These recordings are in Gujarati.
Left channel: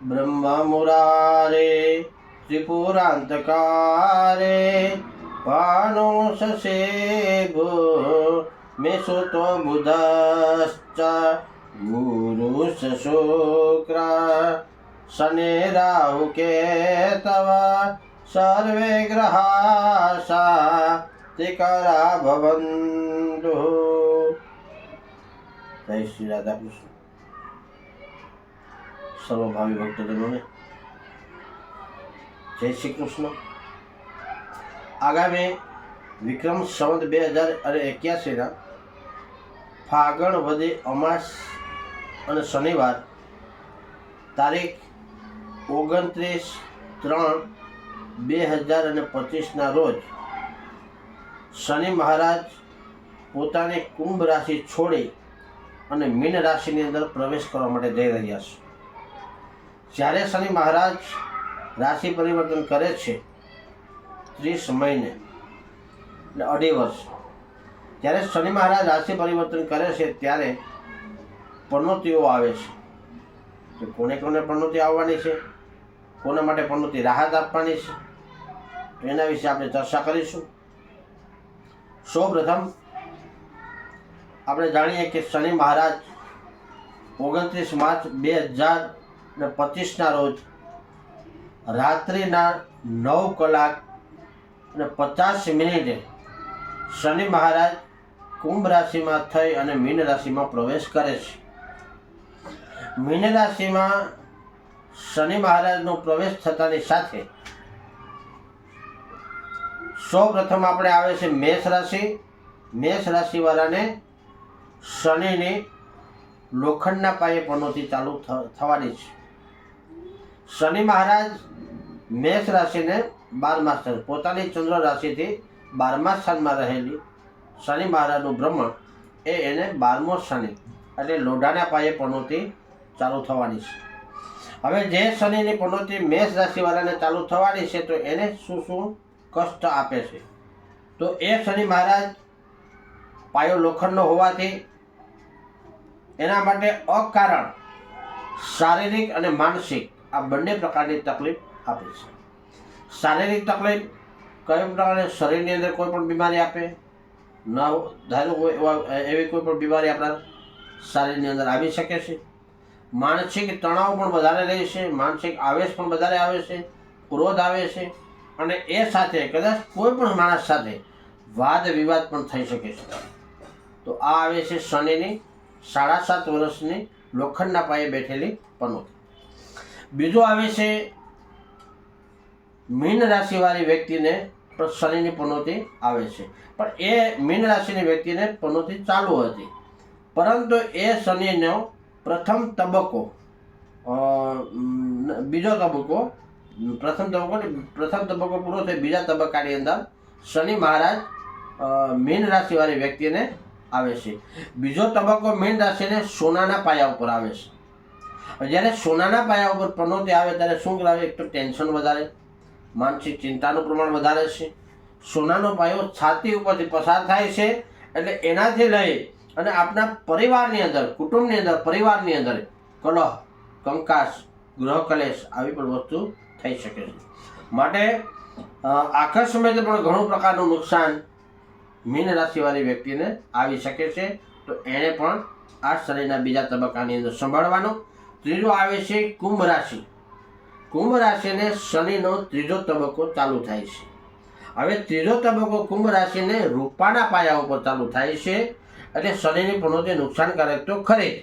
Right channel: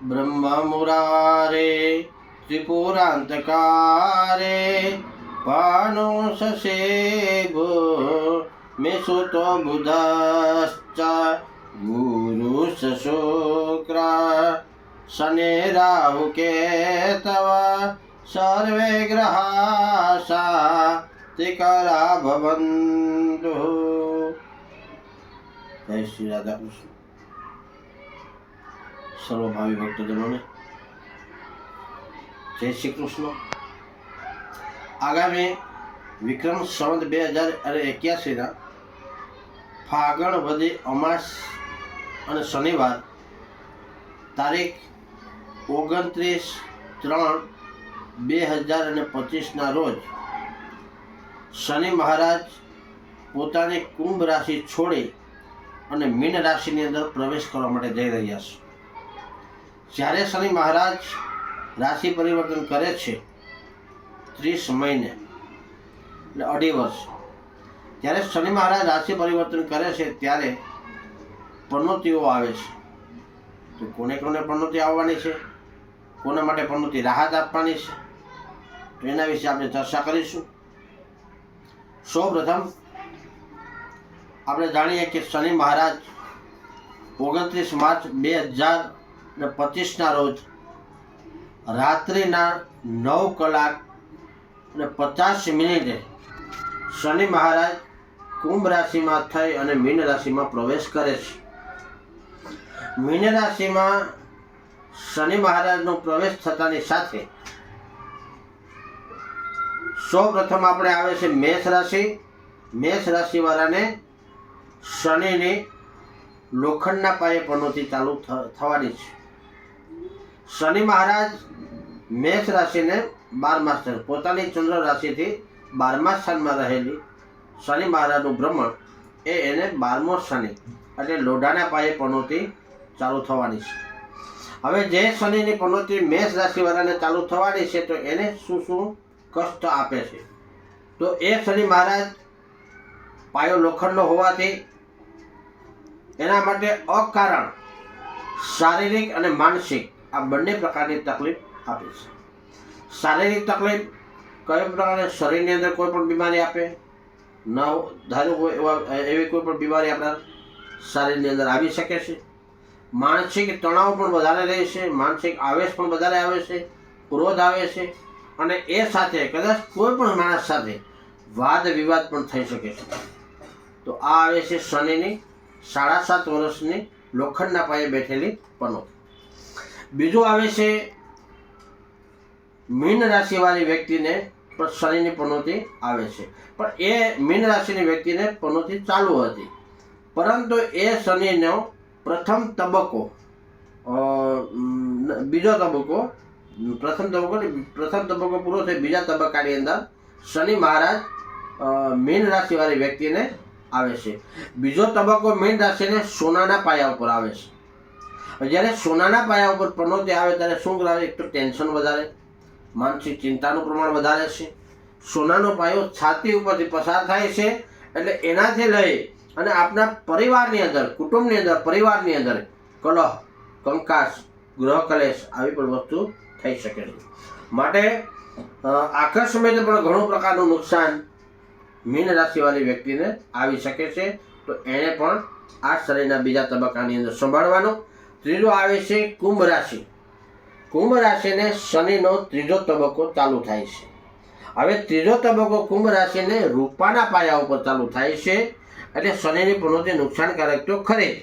ब्रह्म मुरारे त्रिपुरांतकारे भानुषसे मेसुतो बुधश्च गुरुश्च शुक्र शनि राहु केतव सर्वे ग्रहाः सात्विकरा भवन्तु। जय श्री राधा कृष्ण। सर्वभावी भक्तजनों ने जय श्री कृष्ण। आगामी विक्रम संवत 2081 फागण वदी અમાસ અને શનિવાર તારીખ 29/3/2025 રોજ શનિ મહારાજ પોતાની કુંભ રાશિ છોડી અને મીન રાશિની અંદર પ્રવેશ કરવા માટે જઈ રહ્યા છે। જ્યારે શનિ મહારાજ રાશિ પરિવર્તન કરે છે 30 મહિને એટલે 2.5 વર્ષ, જ્યારે શનિ મહારાજ રાશિ પરિવર્તન કરે છે ત્યારે પનોતીઓ આવે છે। તો કોને કોને પનોતી આવવાની છે, કોના માટે પનોતી રાહત આપવાની છે, તો એના વિશે આપણે ચર્ચા કરીશું। સૌપ્રથમ આપણે જાણીએ કે શનિ મહારાજ 29 માર્ચ 2025 રોજ રાત્રિના 9:50 શનિ મહારાજ કુંભ રાશિમાં થઈ અને મીન રાશિમાં પ્રવેશ કરે છે। મીન રાશિમાં શનિ મહારાજનો પ્રવેશ થતાની સાથે સૌપ્રથમ આપણે આવે છે મેષ રાશિ। મેષ રાશિવાળાને શનિની લોખંડના પાયે પનોતી ચાલુ થવાની છે। શનિ મહારાજ મેષ રાશિને 12મા સ્થાન, પોતાની ચંદ્ર રાશિથી 12મા સ્થાનમાં રહેલી શનિ મહારાજનું ભ્રમણ એને 12મો શનિ એટલે લોઢાના પાયે પનોતી ચાલુ થવાની છે। હવે જે શનિની પનોતી મેષ રાશિવાળાને ચાલુ થવાની છે તો એને શું શું કષ્ટ આપે છે, તો એ શનિ મહારાજ પાયો લોખંડનો હોવાથી એના માટે અકારણ શારીરિક અને માનસિક આ બંને પ્રકારની તકલીફ આપે છે। શારીરિક તકલીફ કઈ પ્રકારે શરીરની અંદર કોઈ પણ બીમારી આપે ન ધારો એવી કોઈ પણ બીમારી આપણા શરીરની અંદર આવી શકે છે। માનસિક તણાવ પણ વધારે રહે છે, માનસિક આવેશ પણ વધારે આવે છે, ક્રોધ આવે છે અને એ સાથે કદાચ કોઈ પણ માણસ સાથે વાદ વિવાદ પણ થઈ શકે છે। તો આ આવે છે શનિની 7.5 વર્ષની લોખંડના પાયે બેઠેલી પનોતી। બીજું આવે છે મીન રાશિવાળી વ્યક્તિને શનિની પનોતી આવે છે, પણ એ મીન રાશિની વ્યક્તિને પનોતી ચાલુ હતી, પરંતુ એ શનિનો પ્રથમ તબક્કો પૂરો થઈ બીજા તબક્કાની અંદર શનિ મહારાજ મીન રાશિવાળી વ્યક્તિને આવે છે। બીજો તબક્કો મીન રાશિને સોનાના પાયા ઉપર આવે છે। જ્યારે સોનાના પાયા ઉપર પનોતી આવે ત્યારે શું કરાવે, એક તો ટેન્શન વધારે, માનસિક ચિંતાનું પ્રમાણ વધારે છે। સોનાનો પાયો છાતી ઉપરથી પસાર થાય છે એટલે એનાથી લઈ અને આપણા પરિવારની અંદર, કુટુંબની અંદર, પરિવારની અંદર કલહ, કંકાસ, ગૃહ કલેશ આવી પણ વસ્તુ થઈ શકે છે। માટે આકસ્મિક પણ ઘણું પ્રકારનું નુકસાન મીન રાશિવાળી વ્યક્તિને આવી શકે છે, તો એને પણ આ શનિના બીજા તબક્કાની અંદર સંભાળવાનું। ત્રીજો આવે છે કુંભ રાશિ। કુંભ રાશિને શનિનો ત્રીજો તબક્કો ચાલુ થાય છે। હવે ત્રીજો તબક્કો કુંભ રાશિને રૂપાના પાયા ઉપર ચાલુ થાય છે, એટલે શનિની પનોતી નુકસાનકારક તો ખરી,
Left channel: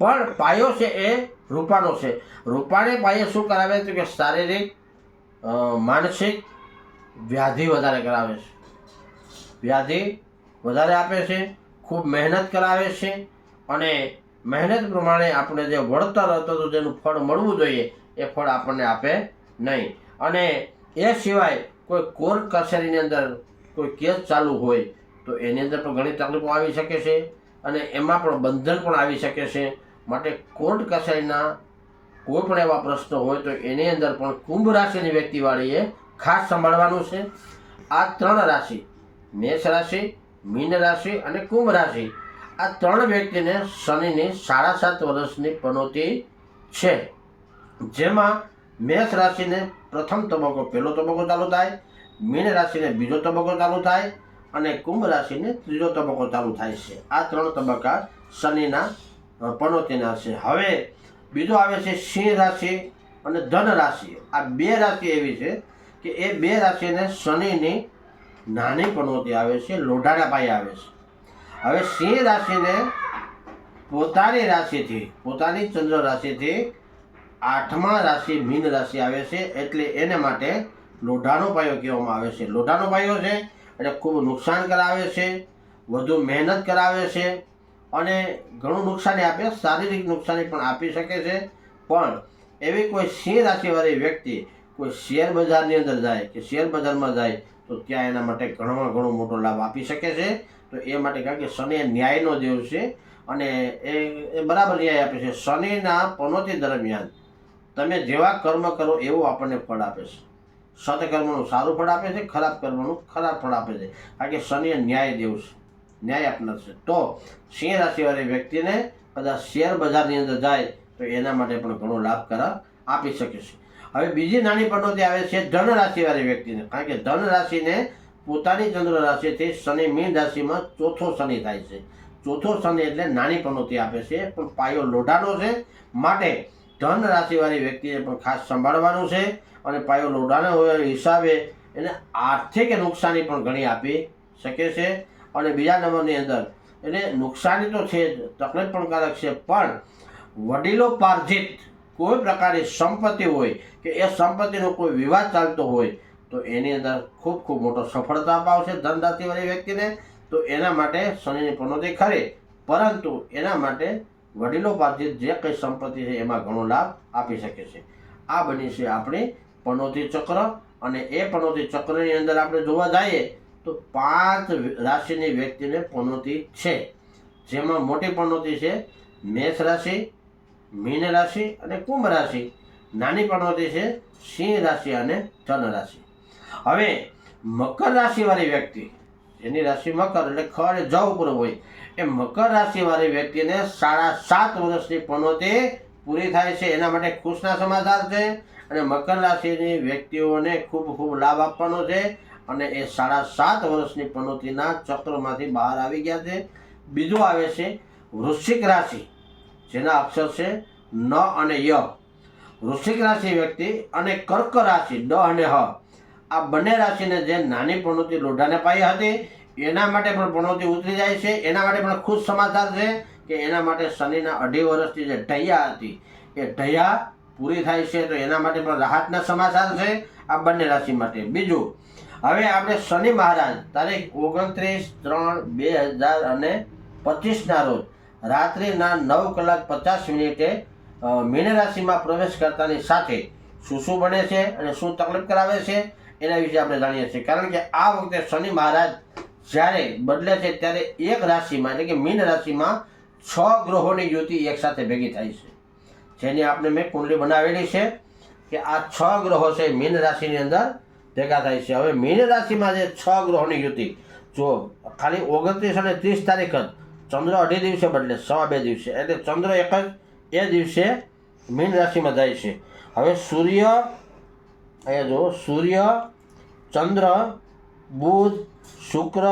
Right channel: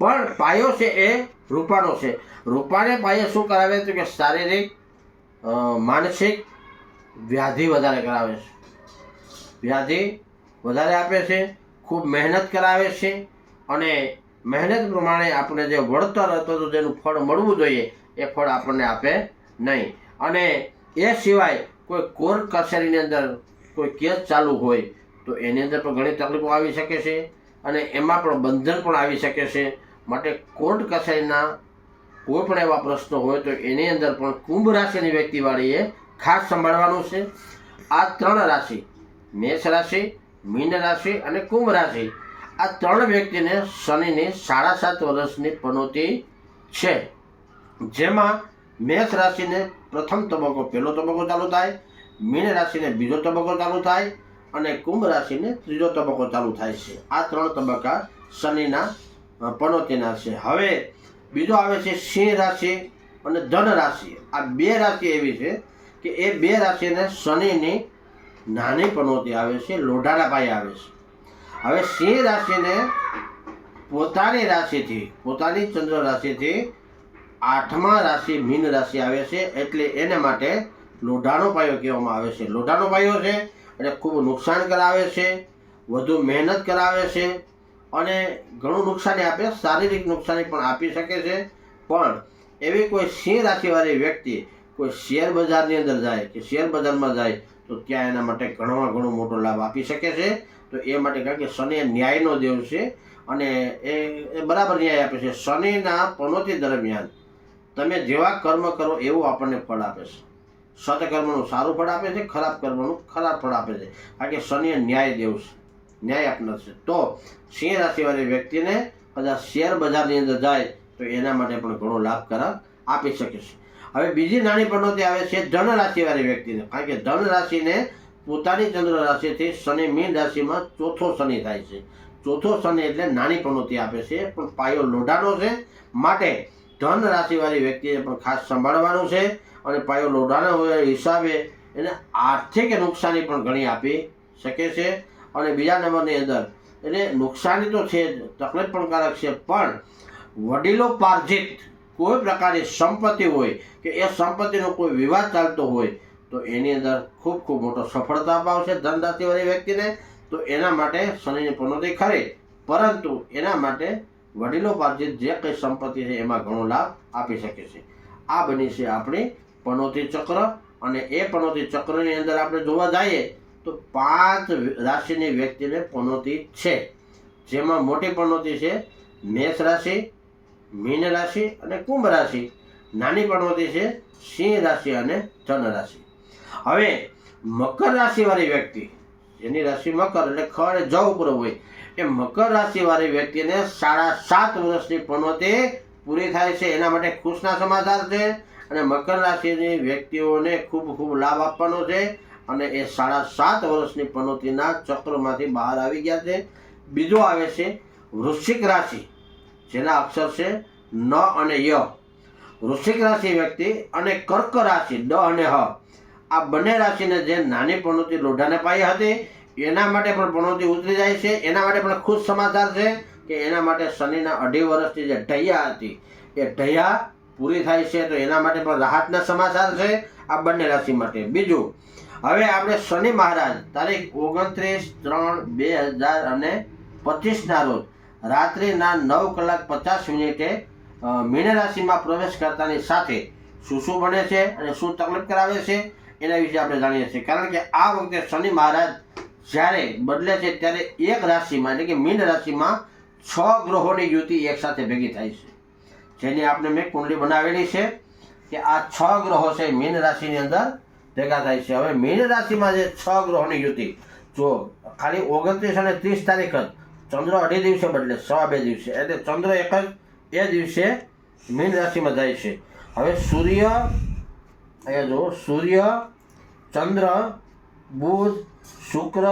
પણ પાયો છે એ રૂપાનો છે। રૂપાને પાયે શું કરાવે તો કે શારીરિક માનસિક વ્યાધિ વધારે કરાવે છે, વ્યાધિ વધારે આપે છે, ખૂબ મહેનત કરાવે છે અને મહેનત પ્રમાણે આપણે જે વળતર હતું તો જેનું ફળ મળવું જોઈએ એ ફળ આપણને આપે નહીં। અને એ સિવાય કોઈ કોર્ટ કચેરીની અંદર કોઈ કેસ ચાલુ હોય તો એની અંદર પણ ઘણી તકલીફો આવી શકે છે અને એમાં પણ બંધન પણ આવી શકે છે। માટે કોર્ટ કચેરીના કોઈ પણ એવા પ્રશ્નો હોય તો એની અંદર પણ કુંભ રાશિની વ્યક્તિવાળીએ ખાસ સંભાળવાનું છે। આ 3 રાશિ, મેષ રાશિ, મીન રાશિ અને કુંભ રાશિ, આ 3 વ્યક્તિને શનિની 7.5 વર્ષની પનોતી છે। જેમાં મેષ રાશિને પ્રથમ તબક્કો પહેલો તબક્કો ચાલુ થાય, મીન રાશિને બીજો તબક્કો ચાલુ થાય અને કુંભ રાશિને ત્રીજો તબક્કો ચાલુ થાય છે. આ 3 તબક્કા શનિના પનોતીના છે. હવે બીજો આવે છે સિંહ રાશિ અને ધન રાશિ. આ 2 રાશિ એવી છે કે એ 2 રાશિને શનિની નાની પનોતી આવે છે, લોઢાના પાયે આવે છે. હવે સિંહ રાશિને પોતાની રાશિથી, પોતાની ચંદ્ર રાશિથી 8મા રાશિ મીન રાશિ આવે છે, એટલે એને માટે લોઢાનો પાયો કહેવામાં આવે છે. લોઢાનો પાયો છે એટલે ખૂબ નુકસાન કરાવે છે, વધુ મહેનત કરાવે છે અને ઘણું નુકસાની આપે, શારીરિક નુકસાની પણ આપી શકે છે. પણ એવી કોઈ સિંહ રાશિવાળી વ્યક્તિ કોઈ શેર બજારની અંદર જાય કે શેર બજારમાં જાય તો ત્યાં એના માટે ઘણો મોટો લાભ આપી શકે છે. તો એ માટે કારણ કે શનિ એ ન્યાયનો દેવ છે અને એ બરાબર ન્યાય આપે છે. શનિના પનોતી દરમિયાન તમે જેવા કર્મ કરો એવું આપણને ફળ આપે છે. સત્કર્મનું સારું ફળ આપે છે, ખરાબ કર્મનું ખરાબ ફળ આપે છે, કારણ કે શનિ એ ન્યાય દેવ છે, ન્યાય આપનાર છે. તો સિંહ રાશિવાળી વ્યક્તિને કદાચ શેર બજારની અંદર જાય તો એના માટે પણ ઘણો લાભકારક આપી શકે છે. હવે બીજી નાની પનોતી આવે છે ધન રાશિવાળી વ્યક્તિને, કારણ કે ધન રાશિને પોતાની ચંદ્ર રાશિથી શનિ મીન રાશિમાં ચોથો શનિ થાય છે. ચોથો શનિ એટલે નાની પનોતી આપે છે, પણ પાયો લોઢાનો છે. માટે ધન રાશિવાળી વ્યક્તિએ પણ ખાસ સંભાળવાનું છે અને પાયો લોઢાના હિસાબે એને આર્થિક નુકસાની પણ ઘણી આપી શકે છે. અને બીજા નંબરની અંદર એટલે નુકસાની તો છે, તકલીફ પણ કારક છે, પણ વડીલો પાર્જિત કોઈ પ્રકારની સંપત્તિ હોય કે એ સંપત્તિનો કોઈ વિવાદ ચાલતો હોય તો એની અંદર ખૂબ મોટો સફળતા અપાવશે ધન રાશિવાળી વ્યક્તિને. તો એના માટે શનિની પનોતી ખરી, પરંતુ એના માટે વડીલો પાર્જિત જે કંઈ સંપત્તિ છે એમાં ઘણો લાભ આપી શકે છે. આ બની છે આપણી પનોતી ચક્ર. અને એ પનોતી ચક્રની અંદર આપણે જોવા જઈએ તો 5 રાશિની વ્યક્તિને પનોતી છે, જેમાં મોટી પનોતી છે મેષ રાશિ, મીન રાશિ અને કુંભ રાશિ. નાની પનોતી છે સિંહ રાશિ અને ધન રાશિ. હવે મકર રાશિવાળી વ્યક્તિ, જેની રાશિ મકર એટલે ખડ જ ઉપર હોય, એ મકર રાશિવાળી વ્યક્તિને 7.5 વર્ષની પનોતી પૂરી થાય છે. એના માટે ખુશના સમાચાર છે અને મકર રાશિની વ્યક્તિઓને ખૂબ લાભ આપવાનો છે અને એ 7.5 વર્ષની પનોતીના ચક્રમાંથી બહાર આવી ગયા છે. બીજો આવે છે વૃશ્ચિક રાશિ, જેના અક્ષર છે ન અને ય. વૃશ્ચિક રાશિ વ્યક્તિ અને કર્ક રાશિ ડ અને હ. આ બંને રાશિને જે નાની પનોતી લોઢાને પાયે હતી એના માટે પણ પનોતી ઉતરી જાય છે. એના માટે પણ ખુશ સમાચાર છે કે એના માટે શનિના 2.5 વર્ષની જે ઢૈયા હતી એ ઢૈયા પૂરી થાય છે. તો એના માટે પણ રાહતના સમાચાર છે આ બંને રાશિ માટે. બીજું, હવે આપણે શનિ મહારાજ તારીખ 29/3/2025ના રોજ રાત્રિના 9:50 મીન રાશિમાં પ્રવેશ કરતાની સાથે શું બને છે અને શું તકલીફ કરાવે છે એના વિશે આપણે જાણીએ છીએ. કારણ કે આ વખતે શનિ મહારાજ જ્યારે બદલે છે ત્યારે એક રાશિમાં એટલે કે મીન રાશિમાં 6 ગ્રહોની યુતિ એકસાથે ભેગી થાય છે, જેની આપણે મેં કુંડલી બનાવેલી છે કે આ 6 ગ્રહો છે મીન રાશિની અંદર ભેગા થાય છે. હવે મીન રાશિમાં જે 6 ગ્રહોની યુતિ, જો ખાલી 29 અને 30 તારીખ જ ચંદ્ર 2.5 દિવસે બદલે, 2.5 દિવસે, એટલે ચંદ્ર એક જ એ દિવસે મીન રાશિમાં જાય છે. હવે સૂર્ય, અહીંયા જો સૂર્ય, ચંદ્ર, બુધ, શુક્ર,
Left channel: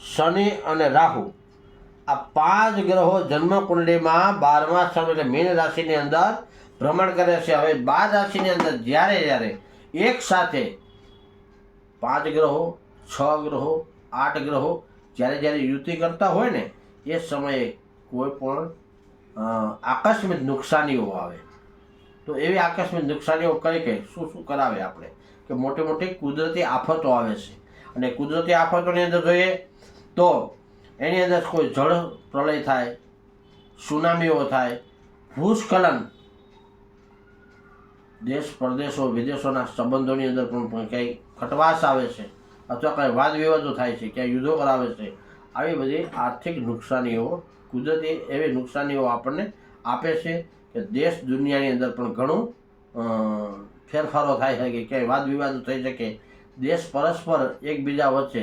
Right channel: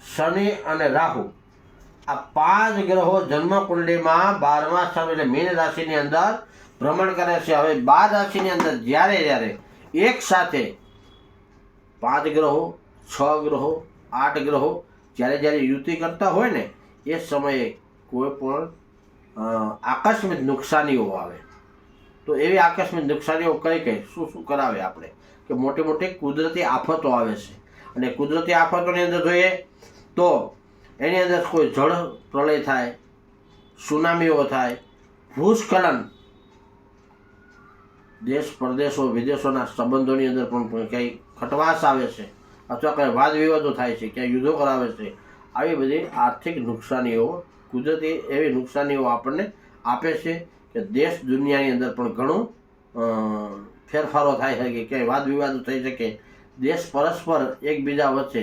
શનિ અને રાહુ, આ 5 ગ્રહો જન્મ કુંડલીમાં 12મા સ્થાન એટલે મીન રાશિની અંદર ભ્રમણ કરે છે. હવે 12 રાશિની અંદર જ્યારે એક સાથે 5 ગ્રહો, 6 ગ્રહો, 8 ગ્રહો જ્યારે યુતિ કરતા હોય ને એ સમયે કોઈ પણ આકસ્મિક નુકસાનીઓ આવે. તો એવી આકસ્મિક નુકસાનીઓ કઈ શું કરાવે આપણે કે મોટી કુદરતી આફતો આવે છે. અને કુદરતી આફતોની અંદર જોઈએ તો એની અંદર કોઈ જળ પ્રલય થાય, સુનામીઓ થાય, ભૂસ્ખલન, દેશ પરદેશો વિદેશોના સંબંધોની અંદર પણ કંઈ ખટવાશ આવે છે અથવા કંઈ વાદ વિવાદો થાય છે, ક્યાંય યુદ્ધો કરાવે છે. આવી બધી આર્થિક નુકસાનીઓ, કુદરતી એવી નુકસાનીઓ આપણને આપે છે કે દેશ દુનિયાની અંદર પણ ઘણું ફેરફારો થાય છે કે ક્યાંય વાદ વિવાદો થઈ શકે, દેશ પરસ્પર એકબીજા વચ્ચે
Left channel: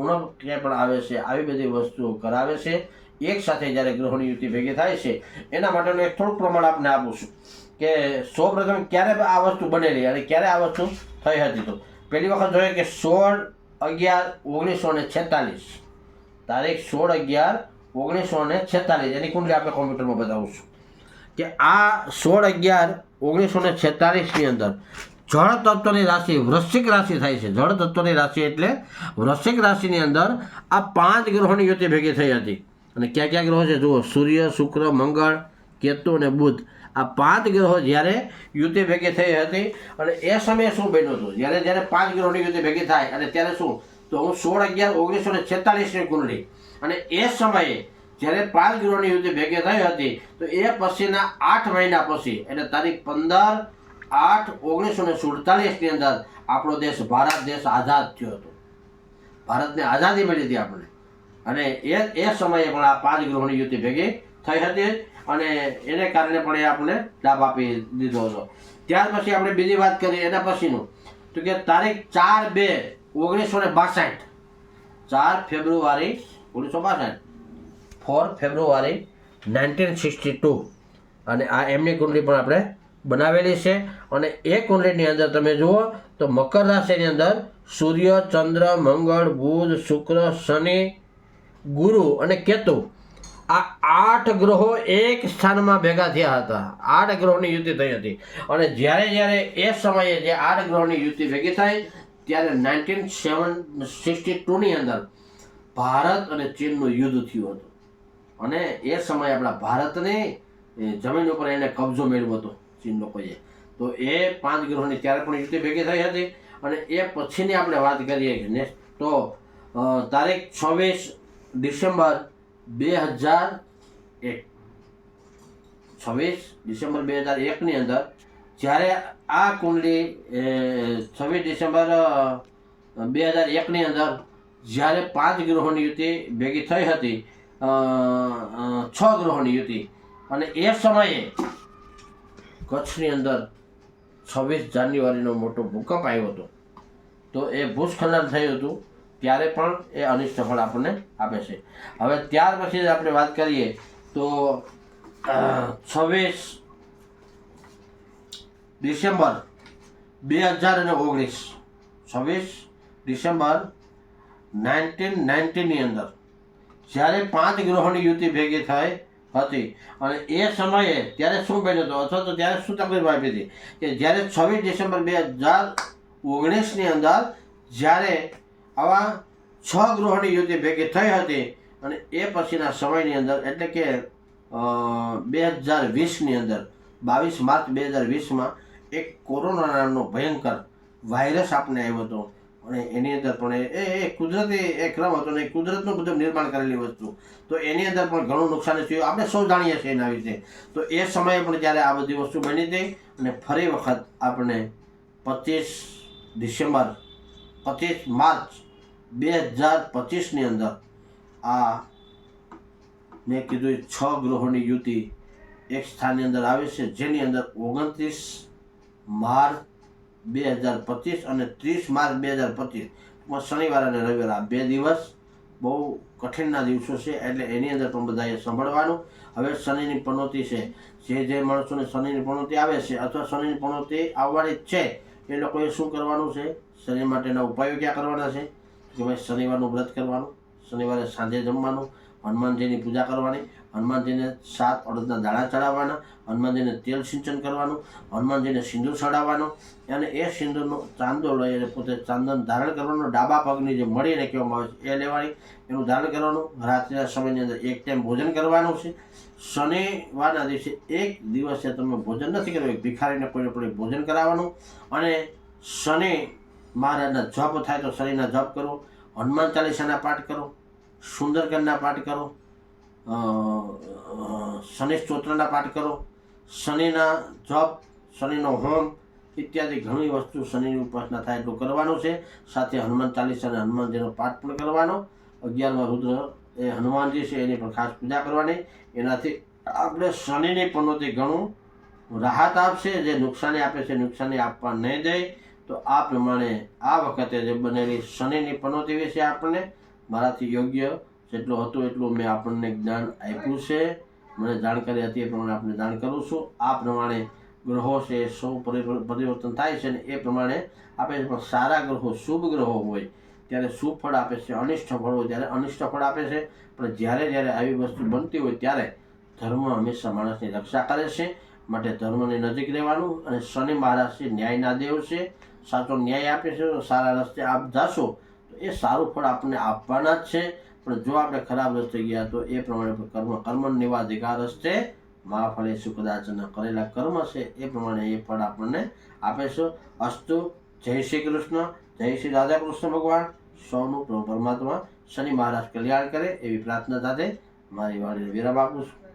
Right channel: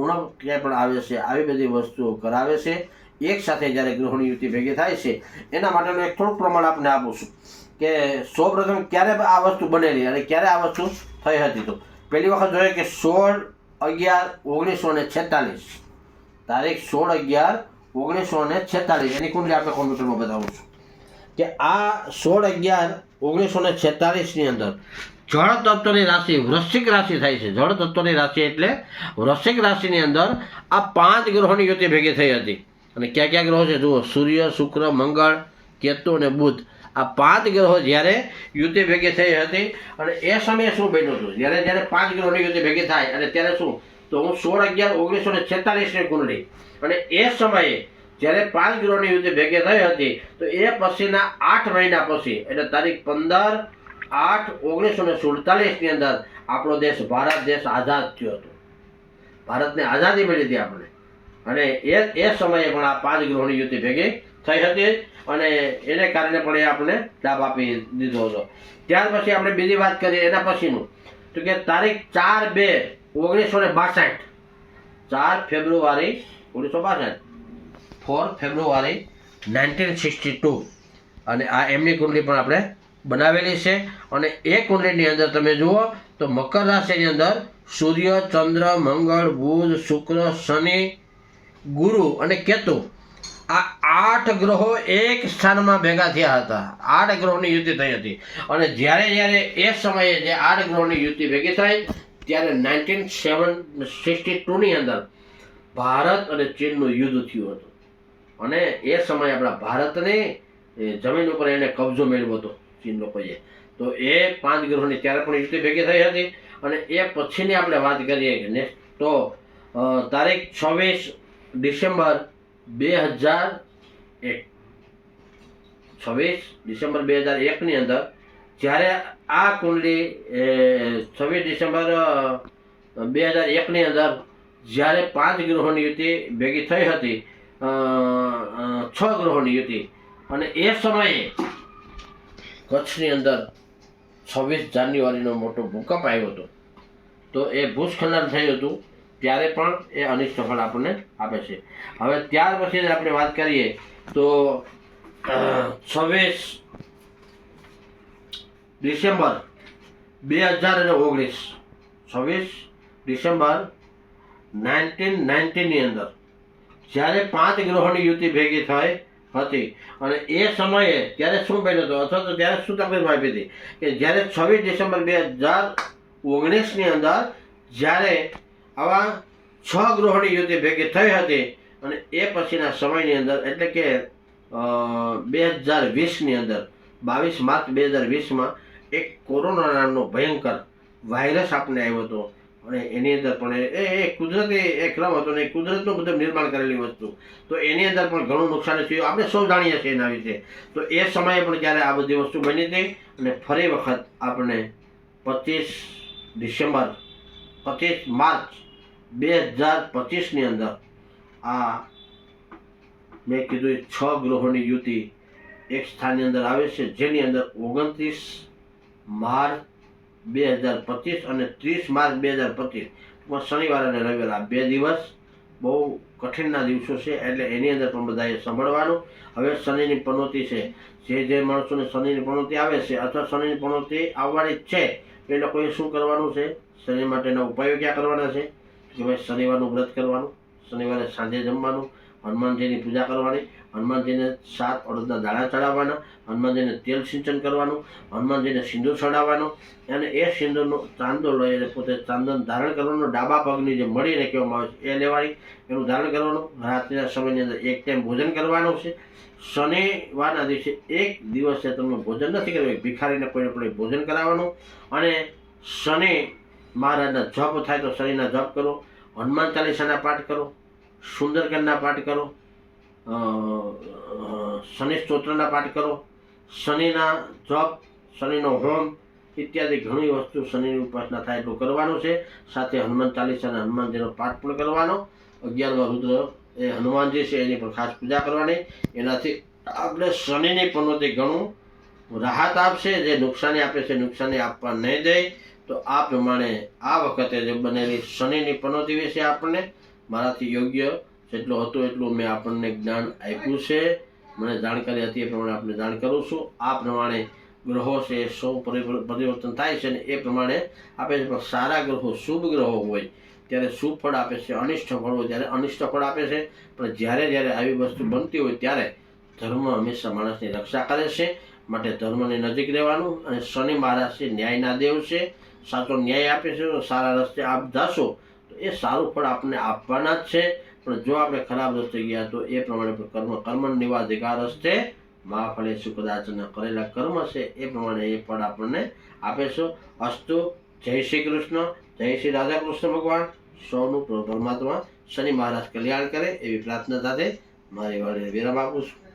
ઉણપ ક્યાંય પણ આવે છે. આવી બધી વસ્તુઓ કરાવે છે. એક સાથે જ્યારે ગ્રહોની યુતિ ભેગી થાય છે એના માટેનું એક થોડુંક પ્રમાણ આપણે આપું છું કે સૌપ્રથમ ક્યારે આ વસ્તુ બનેલી અને ક્યારે આ વસ્તુ થઈ હતી. તો પહેલી વખત જોઈએ કે 16/11/1946, તારીખ 16/11/1946. એની કુંડલી આપણે કોમ્પ્યુટરમાં બતાવું છું કે આ 16/11/1946 અંદર જળ તત્વની રાશિ વૃશ્ચિક રાશિ થાય છે. જળ તત્વની રાશિ એટલે વૃશ્ચિક રાશિની અંદર આ 5 ગ્રહોની યુતિ ભેગી થઈ હતી. અને કયા કયા ગ્રહો છે જુઓ, સૂર્ય, શુક્ર, મંગળ, કેતુ અને બુધ. આ 5 ગ્રહો જ્યારે યુતિ ભેગી થઈ હતી અને એ સમયે શું બન્યું હતું, જ્યારે 5 ગ્રહોની યુતિ ભેગી થાય અને ત્યારે શું, તો હું 16/11/1946ની કુંડલી અને એ સમયે જ્યારે 5 ગ્રહોની યુતિ ભેગી થઈ હતી તો એ પછીના 8 મહિના પછી એટલે તારીખ 15/8/1947ની અંદર આપણો દેશ ભારત દેશ આઝાદ થયો હતો. ભારતને આઝાદી મળી હતી આપણે. અને એ સમયે પણ આ 5 ગ્રહોની યુતિ ભેગી થઈ હતી અને એને કારણે પણ એ આપણે લાભ આપી દીધો હતો. ત્યાર પછી આપણે બીજી વાત કરીએ એના પછીનું, તો કે તારીખ 4/2/1962, 4 ફેબ્રુઆરી 1962, 4 ફેબ્રુઆરી 1962. અને આ એમની કુંડલી પણ આપણે બનાવેલી છે. અને એ કુંડલીની અંદર તમે જુઓ તો મકર રાશિની અંદર સૂર્ય, ચંદ્ર, મંગળ, બુધ, શુક્ર, શનિ, ગુરુ અને કેતુ આ 8 ગ્રહો એક સ્થાનમાં ભેગા થયા હતા. 8 ગ્રહોની યુતિ થઈ હતી. અને જ્યારે એ સમયે જે 8 ગ્રહોની યુતિ ભેગી થઈ ત્યારે 1962ની અંદર ભારત અને ચીનનું યુદ્ધ થયું હતું. અને એ સમયે આપણા ભારતને જમીન ઉપર એને કબજો મેળવ્યો હતો ચીન લોકોએ. તો એ 5 ગ્રહોની ત્યારે પણ યુતિ ભેગી થઈ હતી. અને એ પછીની આપણે વાત કરીએ તો તારીખ 26 ડિસેમ્બર 2001, 26 ડિસેમ્બર 2001ની અંદર જ્યારે આ કુંડલી 26 ડિસેમ્બર 2001ની અંદર જ્યારે 5 ગ્રહોની યુતિ ભેગી થઈ હતી, 6 ગ્રહોની યુતિ. અને એ સમયે કચ્છની અંદર 26 જાન્યુઆરીનો મોટો ભૂકંપ આવ્યો હતો. તો એ ભૂસ્ખલન થયું હતું ત્યારે પણ એ અનિષ્ટ ફળ આપણને આપે છે. હવે ત્યાર પછી આપણે વાત કરીએ તો 26 ડિસેમ્બર 2019, 26 ડિસેમ્બર 1990ની અંદર જ્યારે 5 ગ્રહોની યુતિ ભેગી થઈ હતી. અને એ સમયે ત્યારે શું બન્યું હતું અથવા તો ત્યારે શું તકલીફ આવી હતી કે જ્યારે 26 ડિસેમ્બર 2019ની અંદર જ્યારે આવા 6 ગ્રહોની યુતિ ભેગી થઈ હતી અને એ પછીના સમયની અંદર એટલે કે 2020ની અંદર 22 માર્ચ 2020માં એક કોરોના નામનો ભયંકર વાયરસ આપણને આવ્યો હતો. અને એની અંદર પણ એ કુદરતી એક ક્રમ હતો ને કુદરતનું બધું નિર્માણ કરેલી વસ્તુ. તો એની અંદર પણ ઘણું નુકસાન થયું, આપણે સૌ જાણીએ છીએ એના વિશે. તો એ સમયે પણ જ્યારે આ બધી વસ્તુ બની હતી અને ફરી વખત આપણે 25 માર્ચ 2025ની અંદર આ મેં કીધું 6 ગ્રહોની યુતિ એક સ્થાનની અંદર આવે છે, જેની અંદર 29 માર્ચ 2025 અને 30 માર્ચ 2025 શનિવાર અને રવિવાર આ 2 દિવસ બહુ કઠિનના દિવસો છે. એટલે એની અંદર પણ બધાએ સંભળવાનું. હવે શનિની પનોતી છે, જે માણસોને શનિની પનોતી આવે છે અથવા શનિની પનોતી આવવાની છે એ લોકોએ શું કરવાનું છે, શનિ માટેના ઉપાયો ક્યાં કરવાના છે કે ભાઈ શનિવારનું વ્રત કરવાનું, શનિવારે સાંજે જમવાનું, હનુમાનજીની પૂજા કરવાની, હનુમાનજીને 7 અડદના દાણા ચડાવવાના, હનુમાનજીને તેલ સિંચન કરવાનું, હનુમાનજીને સિંદૂર ચડાવવાનું. અને એ સિંદૂરનો ચાંદો લઈ અને પોતે ચાંદન ધારણ કરવાનું. ડાબા પગની જે મળીને કહેવામાં આવે છે એ લેવાની, એનું ધારણ કરવાનું. રાત્રિના સમયની અંદર એક ટાઈમ ભોજન કરવાનું છે. શનિવારના દિવસે એક દિવસે તમે ભોજન નથી કરવું, ભિખારીને કોઈને પણ ભોજન કરાવવાનું. અને શનિ મહારાજના જપ થાય તો શનિના જપ કરો, હનુમાન ચાલીસાના પાઠ કરો, સુંદરકાંડના પાઠ કરો, શનિ સ્તોત્રના પાઠ કરો, શનિના જપ, શનિનો હોમ ઇત્યાદિ ઘણી વસ્તુ શનિની ઉપાસના થાય એટલું કરવાનું છે. સાથે હનુમાન ચાલીસા અને હનુમાનજીનો પાઠ પણ કરવાનો. 11મા રુદ્ર એ હનુમાનજી છે એની પણ ખાસ પૂજા કરવાની. એનાથી આપણે શનિની પનોતી ઘણું રાહત આપશે. જે નુકસાની આપે છે નુકસાની આપવા નહીં દે. તો આ પ્રમાણે આ વખતે જે બનેલી શનિની પનોતી વિશે આપણને મારાથી યોગ્ય જેટલું હતું એટલું મેં આપણને જ્ઞાન આપ્યું છે. મને જાણકારી હતી એ પ્રમાણે આપણે જાણ કરું છું. આ પ્રમાણે ગ્રહો છે સૌ પરિવર્તન થાય છે અને એ પ્રમાણે આપે છે. પણ સારા ગ્રહો શુભ ગ્રહો હોય ત્યારે શુભ ફળ આપે છે, અનિષ્ટ ફળ હોય ત્યારે અનિષ્ટ ફળ આપે છે. પણ જ્યારે જ્યારે આવી વસ્તુ બનતી હોય ત્યારે ધર્મ હંમેશા માણસની રક્ષા કરે છે. માટે ધર્મની નજીક રહેવાનું. અને શનિ મહારાજ છે ન્યાયના દેવ છે, સાચો ન્યાય આપે છે. તો સારા રસ્તે આપ જાશો તો એ સારું ફળ આપણને આપવાના જ છે. પણ જો આપણે ખરાબ રસ્તે ગયા તો એ પ્રમાણે કર્મ નિવાધિકાર રસ્તે મહાફળે કદાચ કરેલા કર્મ છે એ પ્રમાણે એ ફળ આપણને આપે છે. અસ્તુ. જય શ્રી કૃષ્ણ, જય શ્રી રાધા કૃષ્ણ ભગવાન. સૌનું પરમાત્મા શનિ મહારાજ કલ્યાણ કરે એવી પ્રાર્થના સાથે મારી વાણીને વિરામ આપું છું.